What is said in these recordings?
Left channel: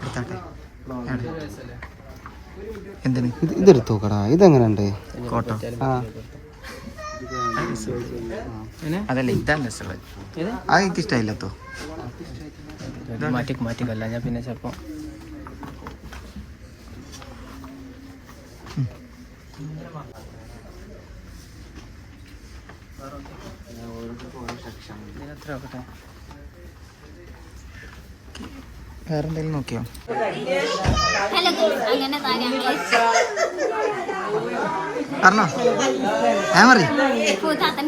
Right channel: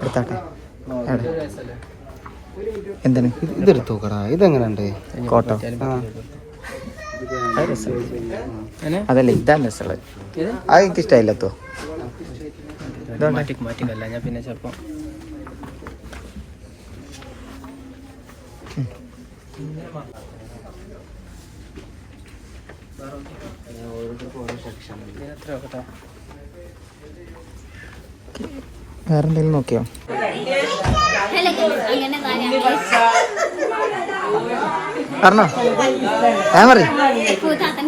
എടുത്താട്ടെ. എന്തിന്? ഇത് ഇതെടുത്ത് നോക്കടാ. ഇതെങ്ങനെയുണ്ട്? കോട്ടോ. അതല്ല ഇതാണ് രസമുള്ളത് അത് എനിക്ക് ഇഷ്ടമായില്ല തോ മാറ്റിക്ക് മാറ്റിക്കല്ല. ഞാൻ പിന്നെ ചിലപ്പോൾ വേറെ എന്തെങ്കിലും നോക്കിയോ? അങ്ങനെ പറഞ്ഞോ? ഞാൻ പറ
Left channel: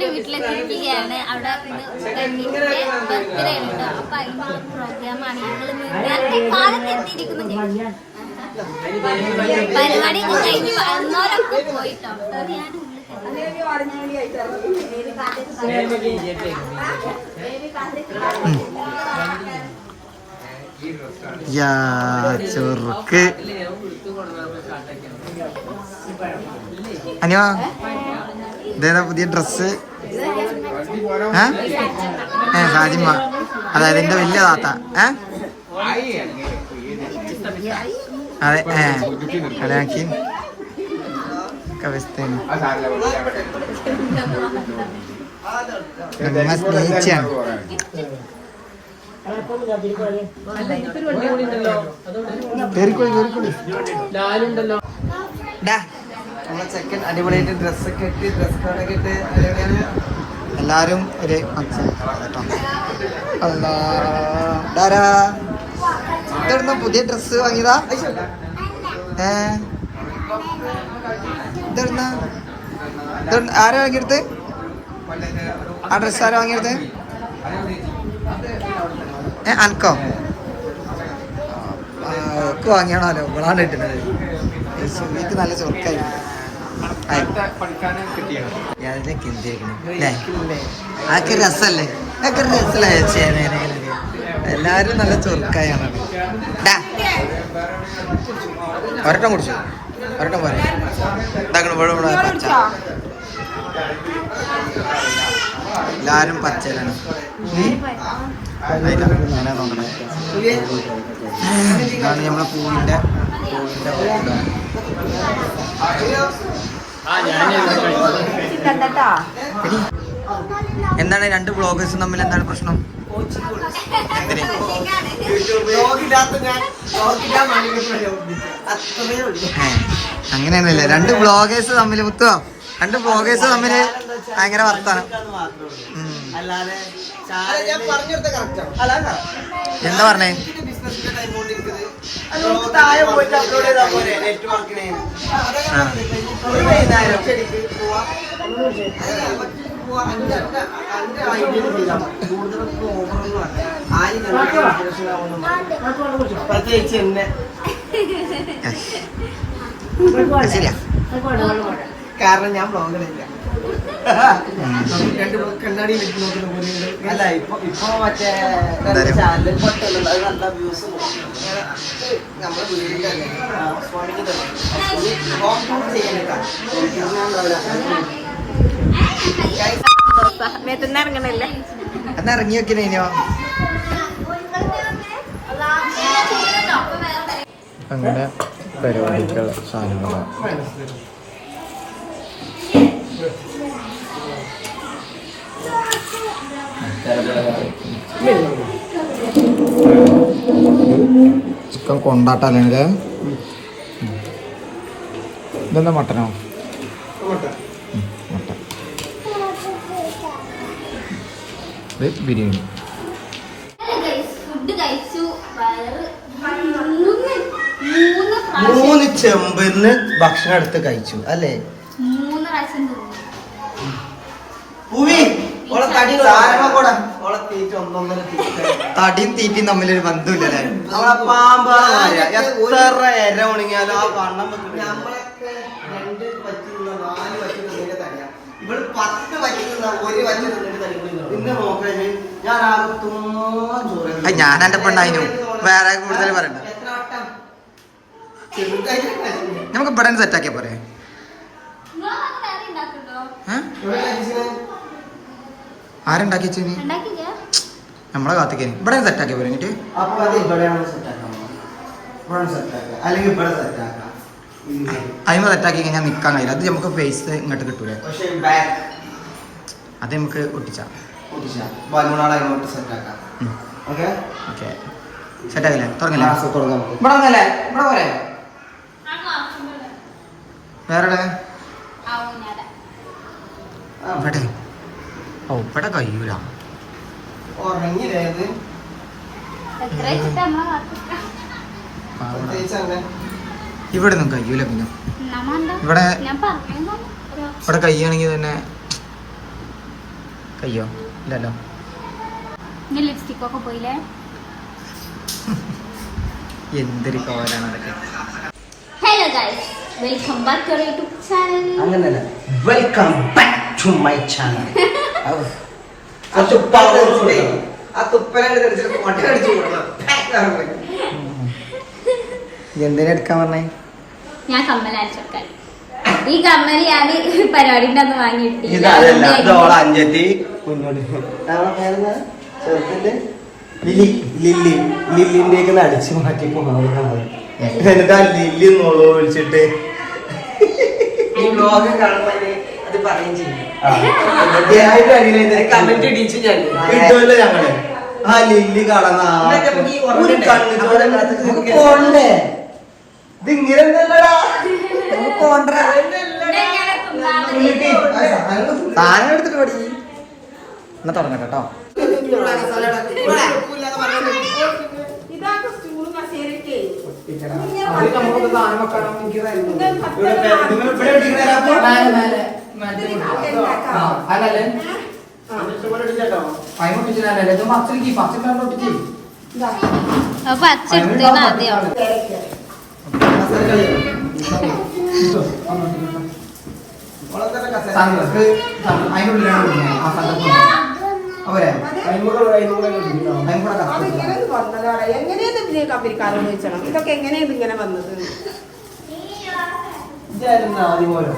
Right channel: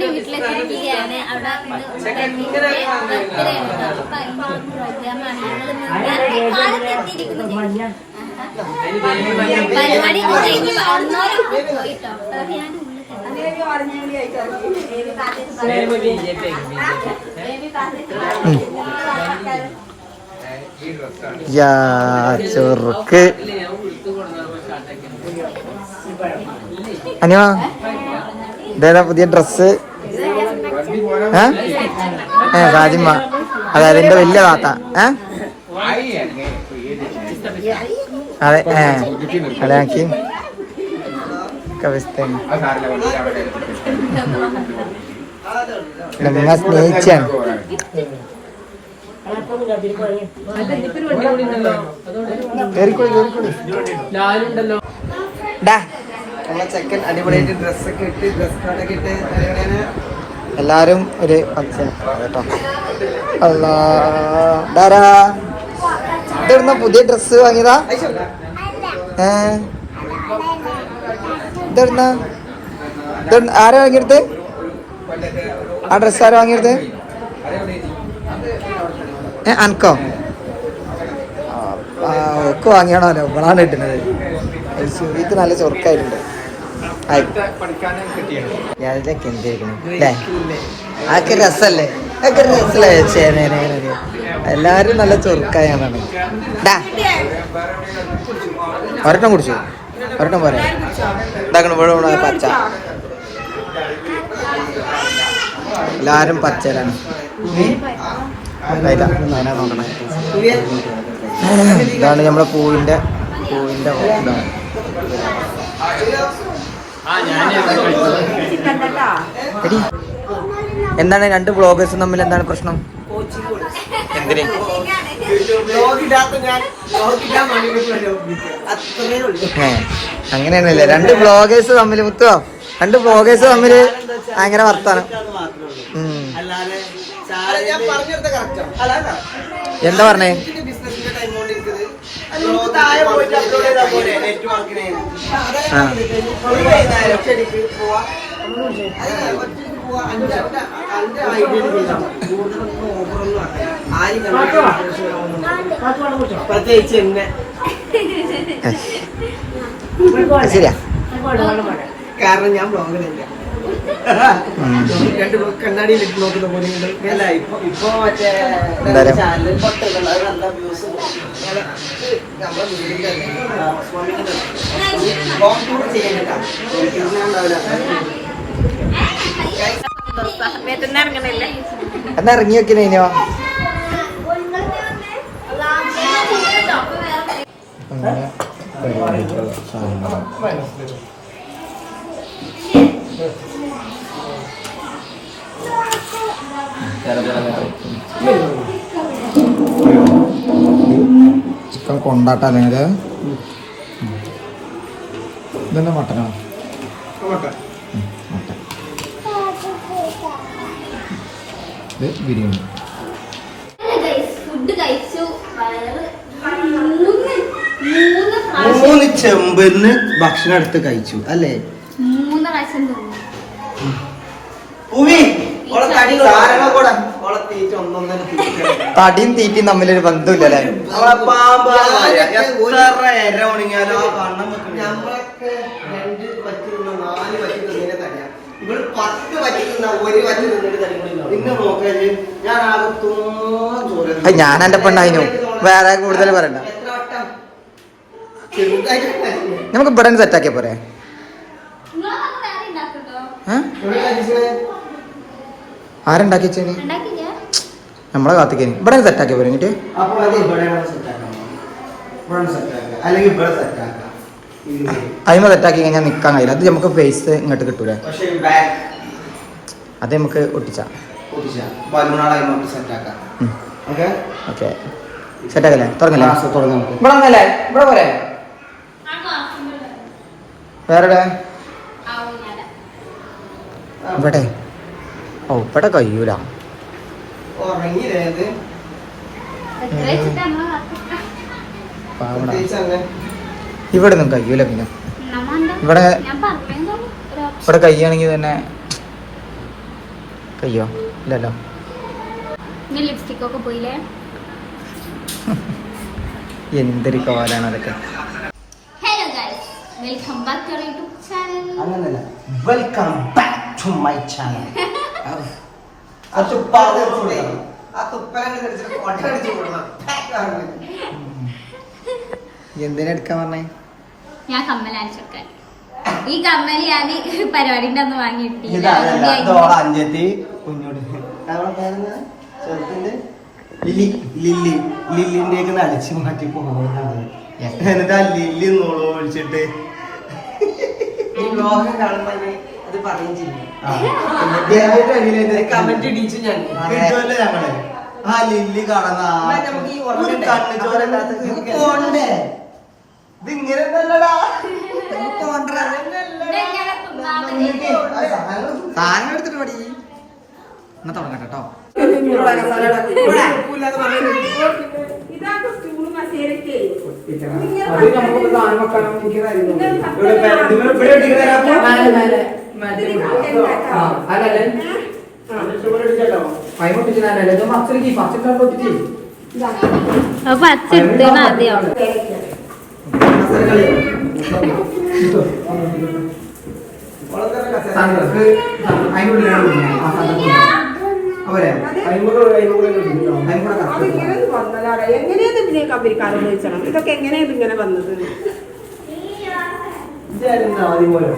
വീട്ടിലെത്തിയിരിക്കുകയാണ് അവിടെ പരിപാടി കഴിഞ്ഞ് പോയിട്ടോ. ഞാൻ യാ ചെറുക്ക് അനിയ ഇതേതാ പുതിയ ഡ്രസ് ഏ സാജിമ്മ അതായത് എന്റെ വലിയ താത്ത ഏ അതെ ഏ അതെ ആക്കി നമ്മ സ്നേഹിച്ചാണ് ചെക്കൻ അടിപൊളിയായിട്ട് ഡ്രസ്സൊക്കെ ഇട്ട് ഡ്രസ് കാർഡൊക്കെ ഇട്ട് അങ്ങനെ എല്ലാരും ഒരു കേട്ടോ. അല്ലാ ഡാരാ ഇതെവിടുന്ന പുതിയ ഡ്രസ്സ് വാങ്ങിയതാ? ഏ? ഇതെവിടുന്ന? ആരാ വാങ്ങിയെടുത്ത്? ആ ഡ്രസ്സ് ആരാ വാങ്ങിയെടുത്ത്? ഏ അനക്കോ? ഒക്കെ വാങ്ങിയാണല്ലോ ഇവളാണ് കിട്ടുന്നത്? ശിവിക്ക് നല്ല ചൊറുക്കായിട്ടുണ്ട്. എല്ലാരും നല്ല ചൊറുക്കായാണ് കുടിച്ചു? ഒരെണ്ണം പോരെ. ഇതാക്കണം പച്ച. എല്ലാരും പച്ചയിലാണ്. ഇതായില്ല, ഞാനാ നോക്കണേ ഇതാണ് നമ്മളെ പൂവിന്റെ പൂവിന്റെ ഇതാണ് എന്താണ് രണ്ട് ബ്ലോഗേഴ്സും തമ്മിൽ എന്താണ് പ്രശ്നം? അങ്ങനെയൊന്നുമില്ല. രണ്ട് ബ്ലോഗേഴ്സ് തമ്മിൽ മുത്തോ രണ്ട് ബ്ലോഗേഴ്സ് തമ്മിൽ ഭയങ്കര വർത്താനം. എന്താ പറഞ്ഞേ? പ്രത്യേകിച്ച് എന്നെ. ശരിയാ. കാരണം ഞാൻ ബ്ലോഗിലില്ല. രണ്ട് ബ്ലോഗ് കണ്ണാടിയിൽ നോക്കുന്ന പോലെ. അല്ല ഇപ്പൊ ഇപ്പൊ മറ്റേ ചാനൽ പൊട്ടല്ലോ അത് നല്ല വ്യൂസ് നമ്മുടെ വീടിന്റെ ഹോം ടൂർ ചെയ്യാനാ എന്നാ ഇറങ്ങി വെക്കുന്നോ അങ്ങനെ പരിപാടികൾ സാധനങ്ങളാണ് ചിക്കൻ കൊണ്ടാട്ട അല്ലെങ്കിൽ ഇതെന്താ മട്ടനോ? മട്ടൻ. ഇത് ബിരിയാണി. മൂന്ന് ചെമ്പിന്ന് ഭക്ഷണം എടുത്ത് കഴിച്ചു അല്ലേ? മൂന്ന് പ്രാവശ്യം പൂവി തടിയും തീറ്റയും തമ്മിലൊരു ബന്ധമില്ല അല്ലേ ഇവൾ പത്ത് ഒരു പിന്നെ നോക്കഴിഞ്ഞ് ഞാൻ ചോര ഞാൻ പെണ്ണായിനു വേറെ കൂടുതൽ പറയണ്ട. നമുക്ക് ഇവിടെ സെറ്റാക്കിയ പോരെ വേറെ ഉണ്ടാക്കുന്നുണ്ടോ ഏ? ഇവിടെ കഴിച്ചത് ആരുണ്ടാക്കി വെച്ചേന് നമ്മളെ കാത്തിക്കേനി ഇവിടെ സെറ്റാക്കി എന്നിട്ട് സെറ്റാക്കാം അതിമ സെറ്റാക്കി കഴിഞ്ഞാൽ നിൽക്കാൻ കഴിയില്ല. അത് നമുക്ക് ഫേസ് ഇങ്ങോട്ട് കിട്ടൂലേ? പക്ഷേ ബാക്ക് അത് നമുക്ക് ഒട്ടിച്ചാ. ഓക്കെ? സെറ്റാക്കല്ലേ തുടങ്ങും ഇവിടെ വന്നല്ലേ? ഇവിടെ പോരെ? വേറെ ഇവിടെ. ഓ ഇവിടെ കഴിയൂല. ഇവിടെ ഒന്നും കഴിയൂല പിന്നെ ഇവിടെ. ഇവിടെ കഴിയുകയാണെങ്കിൽ തന്നെ കഴിയോ? ഇല്ലല്ലോ. എന്തൊരു കോലാണ് അതൊക്കെ. Hello guys welcome back to YouTube channel അങ്ങനല്ല. Welcome back to my channel ആ തുപ്പാടെ ആ തുപ്പലെ മുട്ട കടിച്ചു എന്തിനാ എടുക്കാൻ പറഞ്ഞേ ഞാൻ കമ്മൽ ഈ കമ്മൽ ഞാൻ പരിപാടിന്റെ അന്ന് വാങ്ങിയിട്ട് ഇതല്ല ഇത് ഓളെ അഞ്ചെത്തി ലില്ലി ലില്ലി. ലില്ലിന്റെ അടിച്ചു മാറ്റി എന്നിട്ട് ആ ലില്ലി നോളോ വിളിച്ചിട്ട് അത് പറയും ചെയ്യും. കമന്റ് ഇടിച്ചു ഞാൻ. കിട്ടുമല്ലോ ഞങ്ങൾ. ആ ലില്ലി ചോര പോണ്ടേ? ഇത് ഇങ്ങനെ സാധനം എടുത്തിട്ട് പടി. എന്നാ തുടങ്ങട്ടെ കേട്ടോ. ഇവിടെ അപ്പൊ? ആദ്യം എങ്ങനെയാണ് ചോദിച്ചണം ഇതൊക്കെ എങ്ങനെയാണ് ഇങ്ങനെ വന്നത് ഇതായിരുന്നു ആദ്യം പോലെ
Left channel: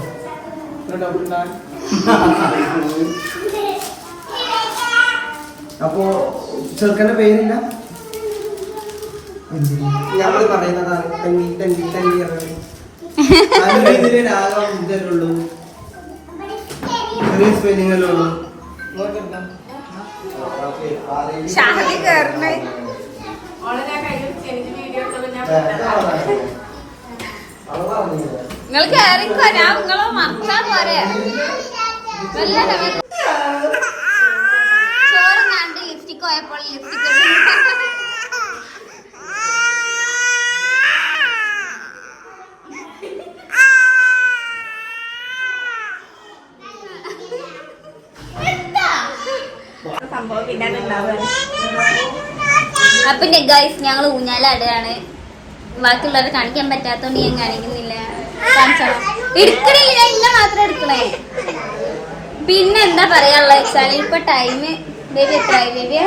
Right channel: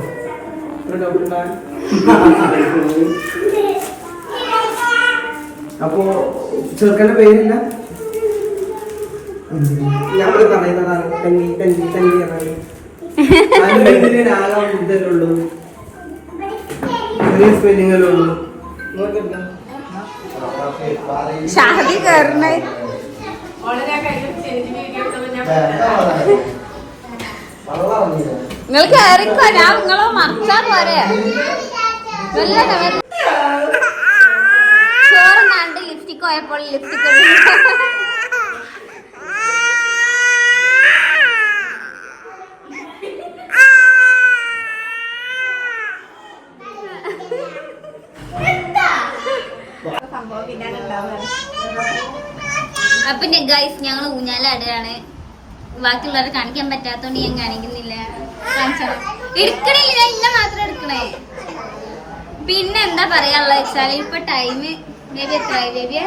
അപ്പോ ചെറുക്കന്റെ പേരില്ല ഞങ്ങൾ പറയുന്നതാണ് തന്നി തന്നി തന്നി ചെറിയ സ്പെല്ലിങ്ങല്ലേ ഉള്ളൂ? ഷാദി കയറണേ. വളരെ കഴിഞ്ഞ വീഡിയോ ഞാൻ നിങ്ങൾ കയറിക്കോ ഞാൻ നിങ്ങളെ മറക്കാൻ പോരെ. നല്ല ഡബ- ചോറ് നാണ്ട് ലിപ്സ്റ്റിക് പോയപ്പോൾ ലിപ്സ്റ്റിക് അപ്പൊ ഗൈസ് ഞങ്ങൾ ഊഞ്ഞാലാടുകയാണ്. ബാക്കിയുള്ളവരെ കാണിക്കാൻ പറ്റാത്തോണ്ട് ഞാൻ കാണിക്കുന്നില്ല കാണിച്ചോ. എടുക്കണില്ല ഇന്ന മാത്രം എടുക്കണേ. പിന്നെ എന്താ പറയാനുള്ള വെച്ചാൽ ഇപ്പൊ ടൈം ബേബി എത്രയായി ബേബി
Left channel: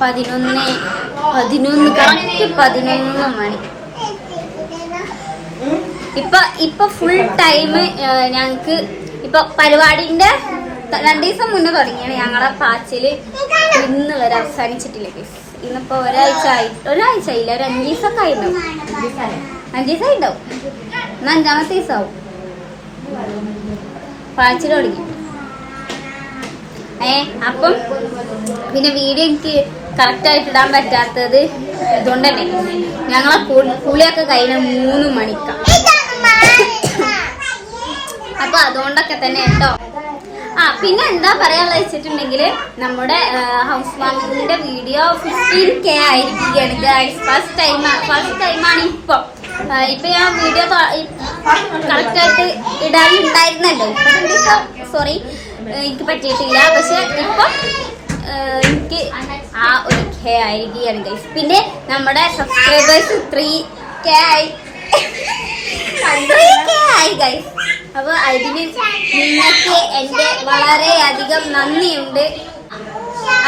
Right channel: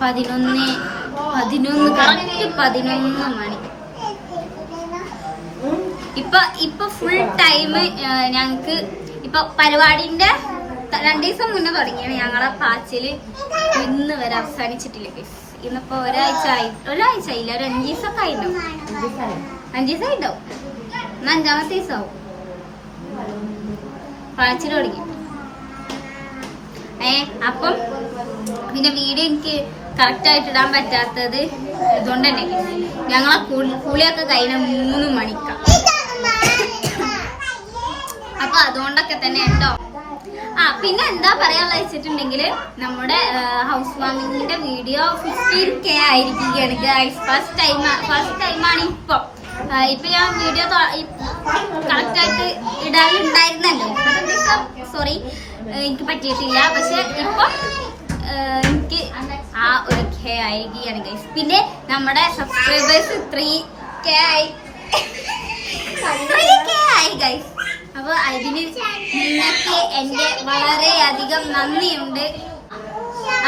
പതിനൊന്ന് പതിനൊന്ന് പതിനൊന്ന് മണി. ഇപ്പൊ ഇപ്പൊ ഫുൾ ടൈം ഞങ്ങക്ക് ഇപ്പൊ പരിപാടിന്റെ രണ്ടു ദിവസം മുന്നേ തുടങ്ങിയാണ് ഞങ്ങളെ പാച്ചിൽ ഇന്ന് വരെ അവസാനിച്ചിട്ടില്ല. ഇന്നിപ്പോ ഒരാഴ്ച ആയി ഒരാഴ്ച ആയില്ല ഒരു അഞ്ചു ദിവസമൊക്കെ ആയിട്ടുണ്ടാവും അഞ്ചു ദിവസം ആയിട്ടുണ്ടാവും ഇന്ന് അഞ്ചാമത്തെ ദിവസമാവും പാച്ചിൽ തുടങ്ങി. ഏ അപ്പം പിന്നെ വീഡിയോ എനിക്ക് കറക്റ്റ് ആയിട്ട് ഇടാൻ പറ്റാത്തത് ഇതുകൊണ്ട് തന്നെ ഞങ്ങളെ കുളി- കുളിയൊക്കെ കഴിഞ്ഞ മൂന്ന് മണിക്കാണ് അപ്പൊ അതുകൊണ്ടൊക്കെ തന്നെ കേട്ടോ. ആ പിന്നെ എന്താ പറയാനുള്ള വെച്ചിട്ടുണ്ടെങ്കിൽ നമ്മുടെ ഹൗസ് വാമിങ്ങിന്റെ വീഡിയോ ഫിഫ്റ്റീൻ കെ ആയിരിക്കുകയാണ് ഫസ്റ്റ് ടൈം ഫസ്റ്റ് ടൈമാണ് ഇപ്പൊ. ഇപ്പൊ ഞാൻ വീഡിയോ കറക്റ്റ് ആയിട്ട് ഇടാനുണ്ടായിരുന്നല്ലോ. ഇപ്പൊ സോറി എനിക്ക് പറ്റിയിട്ടില്ല. പക്ഷെ ഇപ്പൊ എനിക്ക് ആ ഒരു കെ ആയിരിക്കുകയാണ് ഗൈസ് പിന്നെ നമ്മുടെ സബ്സ്ക്രൈബേഴ്സ് ത്രീ കെ ആയി. ത്രീ കെ ആയി ഗൈസ് അപ്പൊ അതിന് നിങ്ങൾക്ക് എന്റെ വളരെയധികം നന്ദിയുണ്ട്.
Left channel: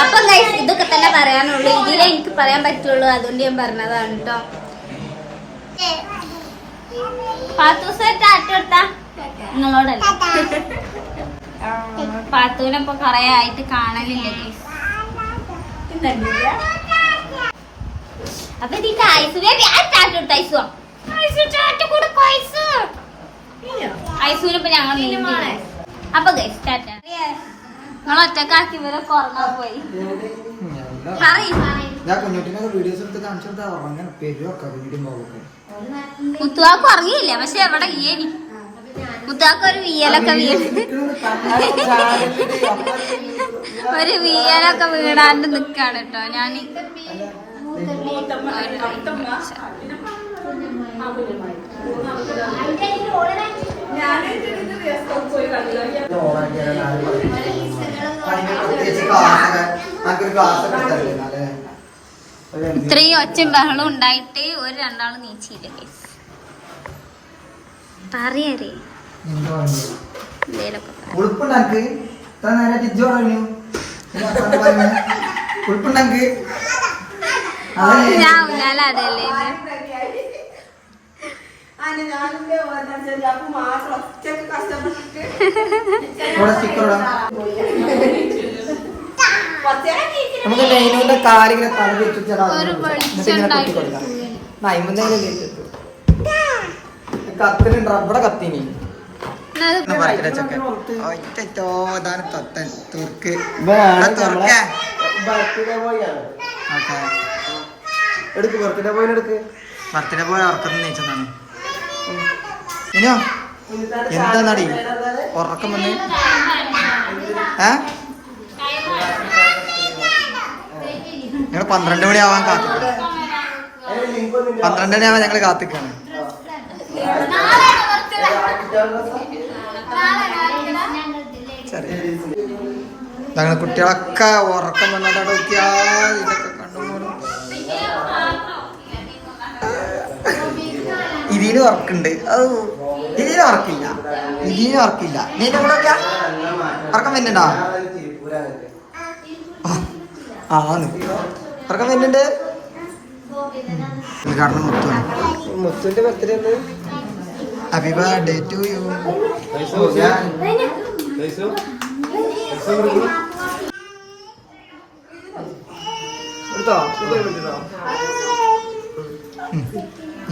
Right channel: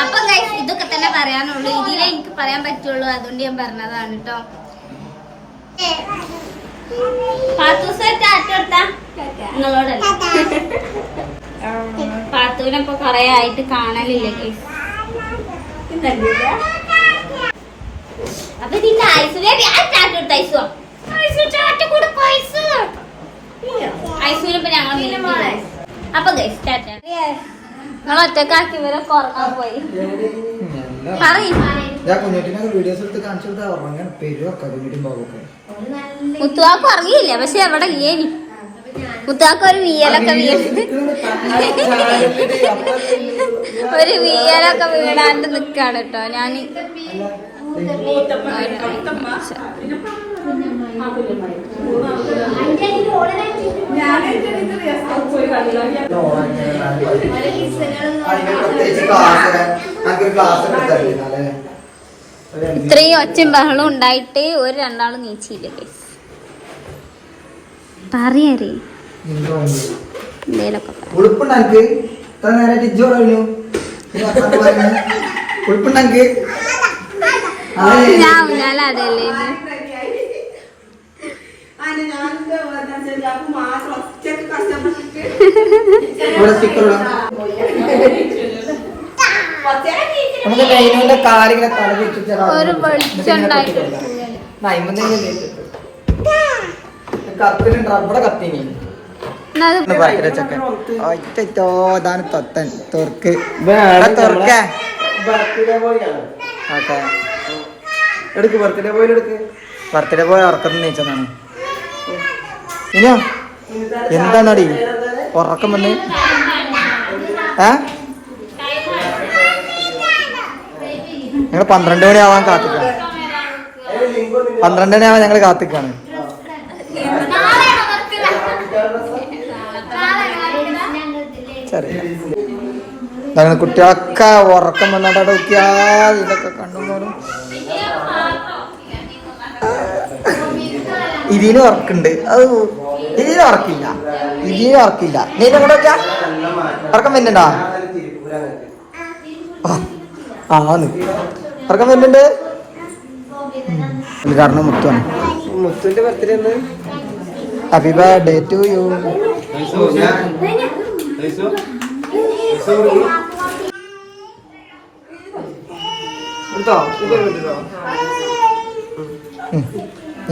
അപ്പം ഗൈസ് ഇതൊക്കെ തന്നെ പറയാനുള്ളൂ. ഇതിലേ എനിക്ക് പറയാൻ പറ്റുള്ളൂ. അതുകൊണ്ട് ഞാൻ പറഞ്ഞതാണ് കേട്ടോ നിങ്ങളോടല്ല? പാത്തുവിനെ ഇപ്പൊ കൊറേ ആയിട്ട് കാണലില്ല. അപ്പൊ ഇതിന്റെ ഐസു ഐസു ചാറ്റ കൊടുക്കും ഐസു. ഐസുവിനെ ഇപ്പൊ ഞങ്ങൾ അപ്പൊ ഗൈസ് ടാറ്റ നിങ്ങൾ ഒറ്റക്കാക്കി ഇവരൊക്കെ ഉറങ്ങാൻ പോയി മുത്തുവാക്ക് ഉറങ്ങിയില്ല പക്ഷെ എവിടെ ഏണി മുത്തുവാക്ക് ഒരു വീലൊക്കെ ഒരു വീലൊക്കെ വീണാണ്ട് നിക്കാണ് കേട്ടോ ഞാൻ പ്രത്യേകിച്ച് ഇത്രയും ഒച്ചും ബഹളം ഉണ്ടായിട്ട് ഒരു രണ്ടാളും നീച്ചില്ലേ. പറയറി എന്തേലൊക്കെ പറ. ഉളുപ്പുണ്ട് എനിക്ക് ഇത്ര നേരം ടിജോ കഴിഞ്ഞു ഉളുപ്പുണ്ട് എനിക്ക് ഞാൻ അതല്ലേ ഇത്. അതിന് ഞാനിന്റെ വന്നിട്ട് അപ്പൊ മാത്രം ഒറ്റയ്ക്ക് കഷ്ടപ്പെട്ടിട്ട് ഇവിടെ സ്റ്റിക്കർ ഇടാം കുറച്ചേരം നീക്കി നമുക്ക് ലൈനുവിന്റെ കാലിങ്ങനെ തല തിരിച്ചിട്ടാ കത്തിനി ഒറ്റോ ഇതാണ് തൊത്തൻ തുർക്ക്. Boy okay. എടുക്ക് ബർത്ത്ഡേ ബോയിൽ എടുക്ക്. ബർത്ത്ഡേ പോയി ഉറക്കം നീച്ചതാണ് ഇനിയോ? എന്താണടി? ഉറക്കം വന്ന്. ഏ? ഞങ്ങൾ പന്ത്രണ്ട് മണിയാവാൻ കാത്തിക്കാണ്. പന്ത്രണ്ട് മണിയാവാൻ ഞങ്ങൾ കാത്തിക്കാണ്? ചെറിയ ഞങ്ങൾ കുട്ടികളൊക്കെ ഉറക്കം വന്നിട്ട് നോക്കിയാ ഇതൊക്കെ കണ്ണുമോനും ഇതിന് ഉറക്കുണ്ട്. അത് ഇതിന് ഉറക്കില്ല. ഇതിന് ഉറക്കില്ല. നീ എന്നെ കൂടെ വെക്കാം? ഉറക്കം വരുന്നുണ്ടോ? ആ. ഉറക്കം വരുന്നുണ്ട്? മുത്തിന്റെ birthday happy birthday to you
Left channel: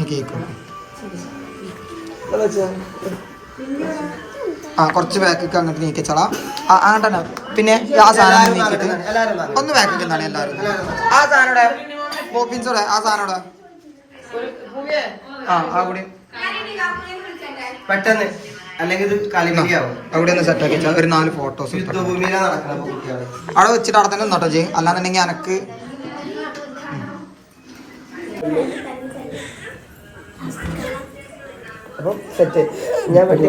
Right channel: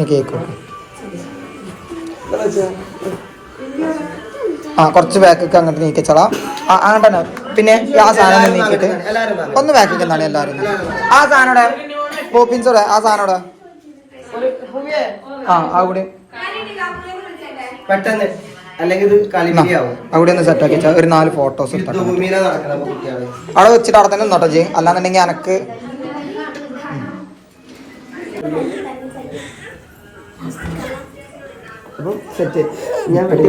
cake ആ കുറച്ച് ബാക്കൊക്കെ അങ്ങോട്ട് നീക്കിച്ചോളാം. ആ അങ്ങോട്ട് തന്നെ. പിന്നെ ആ സാധനം ഒന്ന് നീക്കിയിട്ട്? ഒന്ന് ബാക്കൊക്കെ എന്താണ് എല്ലാവരും. ആ സാധനം പോപ്പിൻസോടെ ആ സാധനം ആ അവിടെ. പെട്ടെന്ന്. അല്ലെങ്കിൽ അവിടെ ഒന്ന് സെറ്റ് ആക്കി ഒരു നാല് ഫോട്ടോസ് അവിടെ വെച്ചിട്ട് അവിടെ തന്നെ നോട്ടോ ജി. അല്ലാന്നുണ്ടെങ്കിൽ എനക്ക് അപ്പൊ സെറ്റ് ഞാൻ വെട്ടി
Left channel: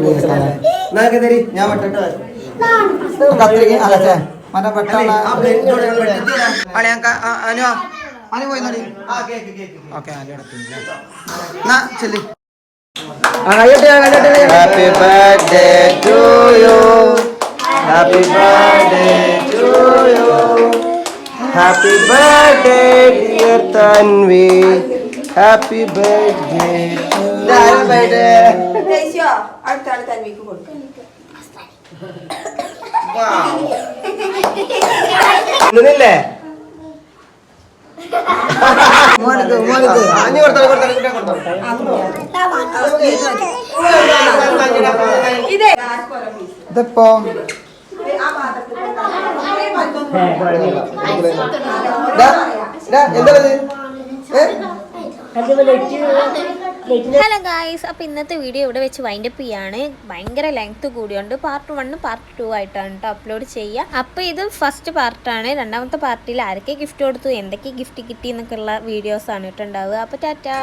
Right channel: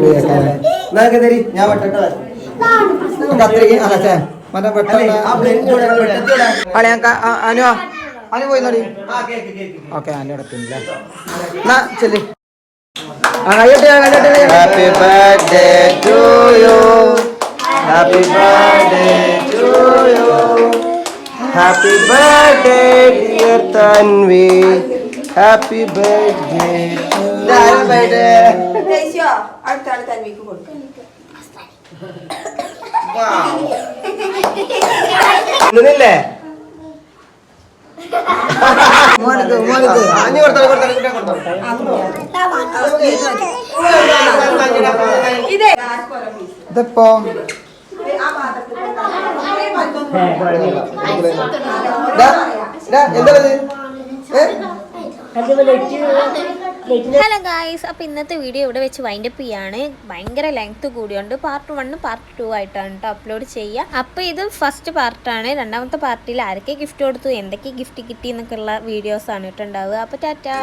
എന്നാ തരി ഞാൻ വെട്ടട്ടെ കത്തിരിക്ക അല്ല ചേ മറ്റേ. അളി ഞാൻ അനു അനു പോയി നോടി. ഓക്കെ അനു എടുത്തില്ല എന്നാ ചെല്ലി Happy birthday to you. Happy birthday to you. Happy birthday, dear Tanvi. Happy birthday to you. ദേശീയോ അടുത്ത ആൾ തന്മിക്ക് കൊടുക്കും നിന്നില്ലേ മോനക്ക് മോനക്ക് അഞ്ഞു കൊടുത്തോ കൊടുത്തോ കൊടുത്തോ. ഇതിപ്പോ ഇത് ആ പാത്രത്തിൽ ദാ, ദാ, എന്താ ഇത്? ഏ? ഹലോ ഗായ്സ് അപ്പോൾ ഇന്നത്തെ വീഡിയോ ഇവിടെ വെച്ച് വൈൻഡ് അപ്പ് ചെയ്യാണ്. ഭയങ്കര ലെങ്ത് കൂടിയുണ്ട് പാർട്ട് വണ്ണും പാർട്ട് ടു ആയിട്ടാണ് കേട്ടോ അപ്ലോഡ് ചെയ്യുക അപ്പോൾ ഇത് ഫസ്റ്റ് പാർട്ടാണ്. രണ്ടാമത്തെ പാർട്ടിൽ ആരൊക്കെ ഗിഫ്റ്റ് കൊടുത്തു എന്തൊക്കെ ഗിഫ്റ്റ് കിട്ടി എന്നൊക്കെയുള്ള വീഡിയോസാണ് കേട്ടോ ഉണ്ടാവുക. അപ്പോൾ ടാറ്റാ.